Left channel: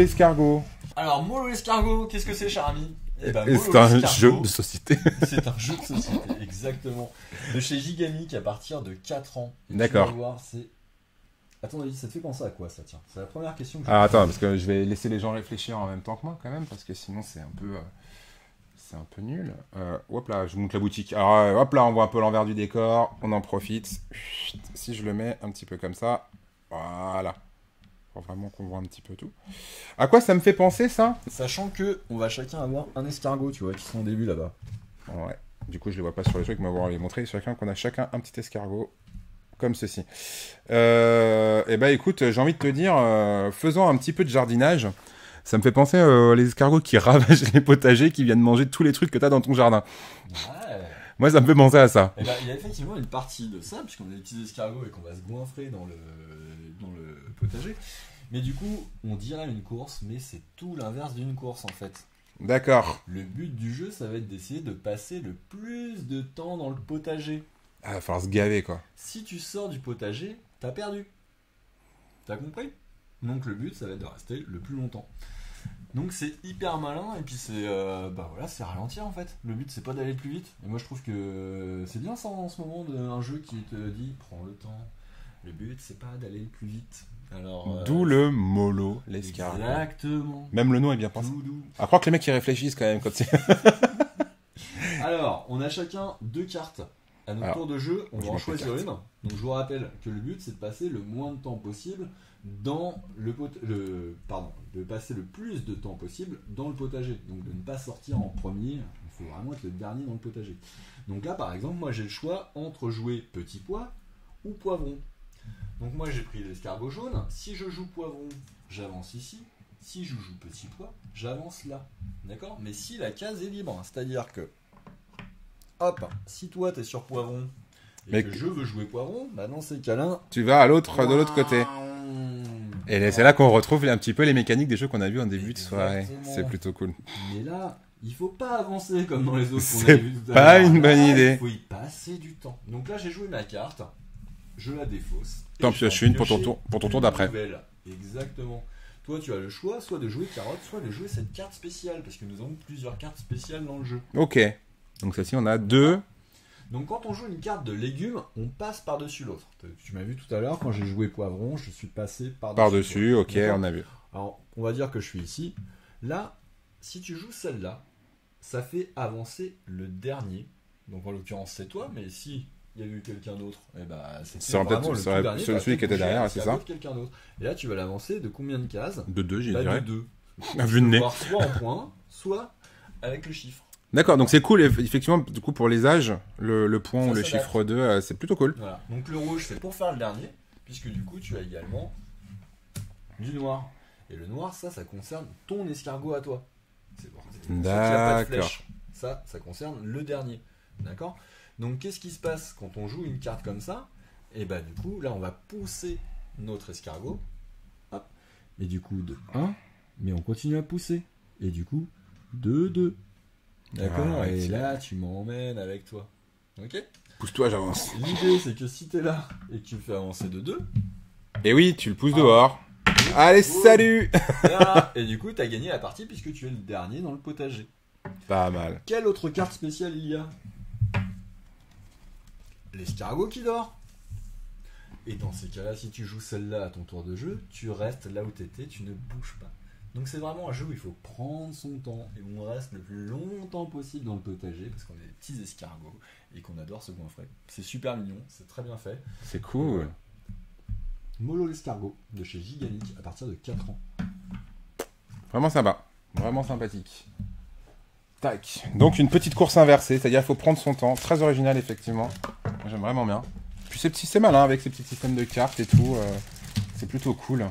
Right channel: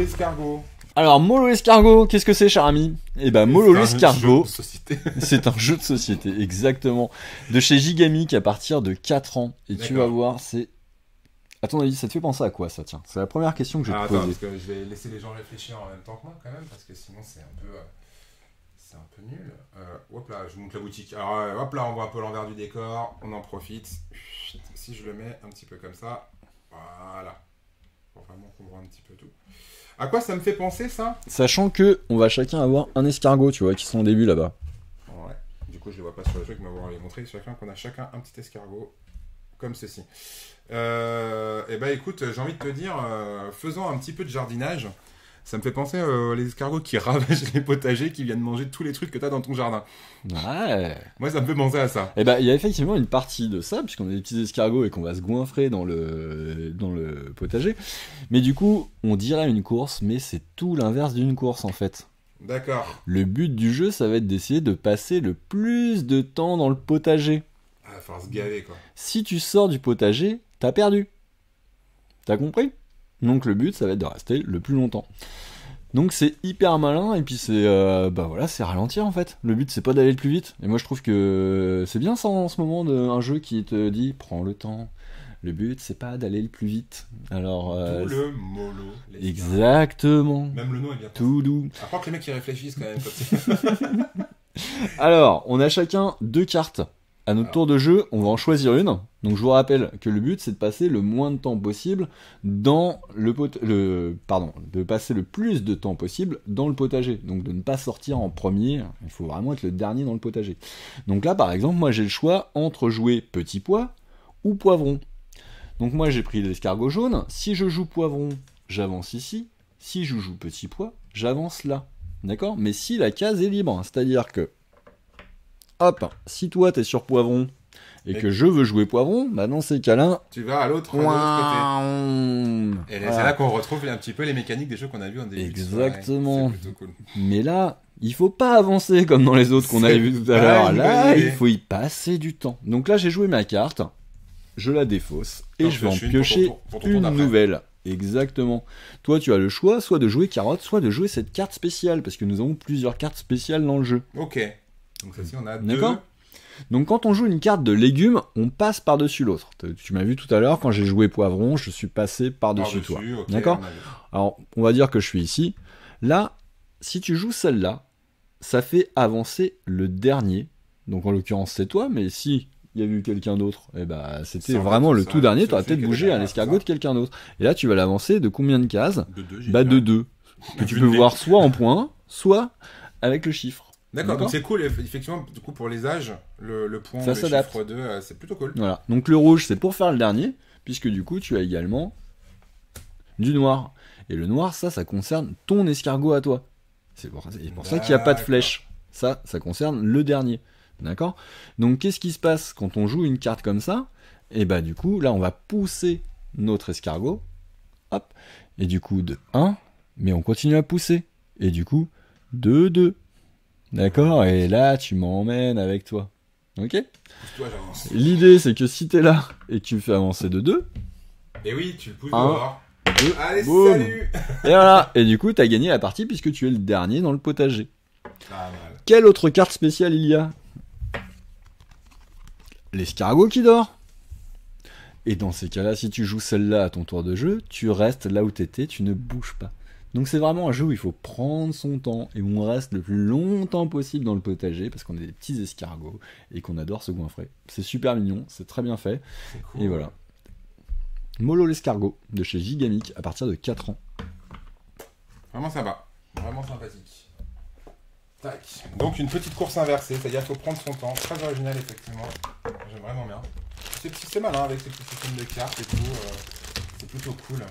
l'escargot. Alors, Mollo l'escargot, qu'est-ce que c'est, cher ami? Eh ben, Mollo l'escargot, c'est un jeu de société. c'est un jeu de société, exactement. De chez Gigamic à partir de 4 ans. Et tu vas voir, c'est... À ton avis, ça te fait penser à quoi, ça, tiens? C'est la première question que je vais te poser. Attends, parce que je vais laisser les gens réfléchir en même temps que moi, quand même, parce que sinon, c'est un peu nul. Hop là, je monte la boutique. Alors, hop là, on voit un peu l'envers du décor. On en profite. Si je le mets un petit peu comme ça. Voilà. Pour vraiment qu'on voit un petit peu tout. À quoi ça me fait penser, ça? Sachant que on va chacun avoir un escargot, tu vois, qui sont au début là-bas. Ouais. Du coup, je les vois pas sur le truc, mais on va les montrer. Qu'on a chacun un petit escargot. Comme ceci. Et bah écoute, j'ai envie de te dire, faisons un petit peu de jardinage. Ça me fait penser les escargots qui ravagent les potagers, qui viennent manger tous les trucs que t'as dans ton jardin. Ouais. Moi, ça me fait penser à ça. Et bah, il y a effectivement une partie de ça, puisqu'on a des petits escargots et qu'on va se goinfrer dans le potager. Mais du coup, on dirait une course, mais c'est tout l'inverse d'une course en fait. D'accord. Le but du jeu, ça va être d'essayer de passer le plus de temps dans le potager. Ah, va falloir se gaver, quoi. Si tu sors du potager, t'as perdu. T'as compris? Donc le but, ça va être de rester le plus longtemps. Donc c'est hyper malin, et puis c'est voilà, c'est ralentir en fait. Le but, c'est pas d'aller le plus vite. Et moi, je trouve que c'est bien ça en ce moment, un jeu qui te dit, prends le temps. Le but, c'est pas d'aller le plus vite. Alors, d'où le mollo, l'escargot. Exactement. Même le nom est bien pensé. Tout doux. À croire que les mecs, ils réfléchissent quand même, comme c'est... Alors, on a chacun 2 cartes. À notre tour de jeu, on va en choisir une. Donc je vous rappelle que le but, c'est de passer le moins de temps possible dans de passer le plus de temps possible dans le potager. Donc de ne pas sortir en premier. Il faut vraiment être le dernier dans le potager. Donc là, par exemple, moi j'ai le choix entre jouer petit pois ou poivron. Donc moi j'ai pris l'escargot jaune. Si je joue poivron, j'avance ici. Si je joue petit pois, j'avance là. D'accord? Mais si la case est libre, c'est-à-dire que hop, si toi t'es sur poivron et que je veux jouer poivron, bah dans ces cas-là, tu vas de l'autre côté. Et c'est là qu'on retrouve un petit peu les mécaniques des jeux qu'on a vu en début de soirée. C'est plutôt cool. Mais là, il faut pas avancer comme dans les autres qu'on a vu tout à l'heure. Pas une bonne idée. Il faut y passer du temps. Donc là, j'ai joué ma carte, je la défausse et donc, je vais en piocher pour ton tour d'après. Nouvelle. Exactement. Toi, tu as le choix, soit de jouer carotte, soit de jouer cette carte spéciale, parce que nous avons plusieurs cartes spéciales dans le jeu. Ok. Donc celle-ci, on a 2. Donc quand on joue une carte de légumes, on passe par-dessus l'autre. Tu m'as vu tout à l'heure, quand j'ai joué poivron, je suis passé par-dessus toi. Ok, on a vu. Alors, on va dire que je suis ici. Là, si tu joues celle-là, ça fait avancer le dernier. Donc en l'occurrence, c'est toi, mais si il y a eu quelqu'un d'autre, eh ben, c'était vraiment le tout dernier, tu aurais peut-être bougé à l'escargot de quelqu'un d'autre. Et là, tu vas l'avancer de combien de cases? De 2, j'ai de 2. Tu peux voir soit en points, soit avec le chiffre. D'accord, donc c'est cool, effectivement, du coup, pour les âges, le point ou le chiffre 2, c'est plutôt cool. Voilà, donc le rouge, c'est pour faire le dernier, puisque du coup, tu as également du noir. Et le noir, ça concerne ton escargot à toi. C'est pour ça qu'il n'y a pas de flèche. Ça concerne le dernier. D'accord? Donc, qu'est-ce qui se passe quand on joue une carte comme ça? Et bah, du coup, là, on va pousser notre escargot. Hop. Et du coup, de 1, mais on continue à pousser. Et du coup, de 2. D'accord, et là tu m'emmènes avec toi. Ok? Pousse-toi, j'avance. L'idée c'est que si t'es là et que tu fais avancer de 2. Et oui, tu le pousses dehors. Allez, boum. Salut! Et voilà, et du coup t'as gagné la partie puisque tu es le dernier dans le potager. Pas mal. Quelle autre carte spéciale il y a? L'escargot qui dort. Et dans ces cas-là, si tu joues celle-là à ton tour de jeu, tu restes là où t'étais, tu ne bouges pas. Donc c'est vraiment un jeu où il faut prendre son temps et où on reste le plus longtemps possible dans le potager parce qu'on est des petits escargots et qu'on adore se goinfrer. C'est super mignon, c'est très bien fait. C'est cool. Et voilà. Mollo l'escargot de chez Gigamic à partir de 4 ans. Vraiment sympa, vraiment sympathique. Tac. Donc une petite course inversée, c'est-à-dire qu'il faut prendre son temps. Très original effectivement. J'aime vraiment bien. C'est malin avec ces petits systèmes de cartes et tout. C'est plutôt cool.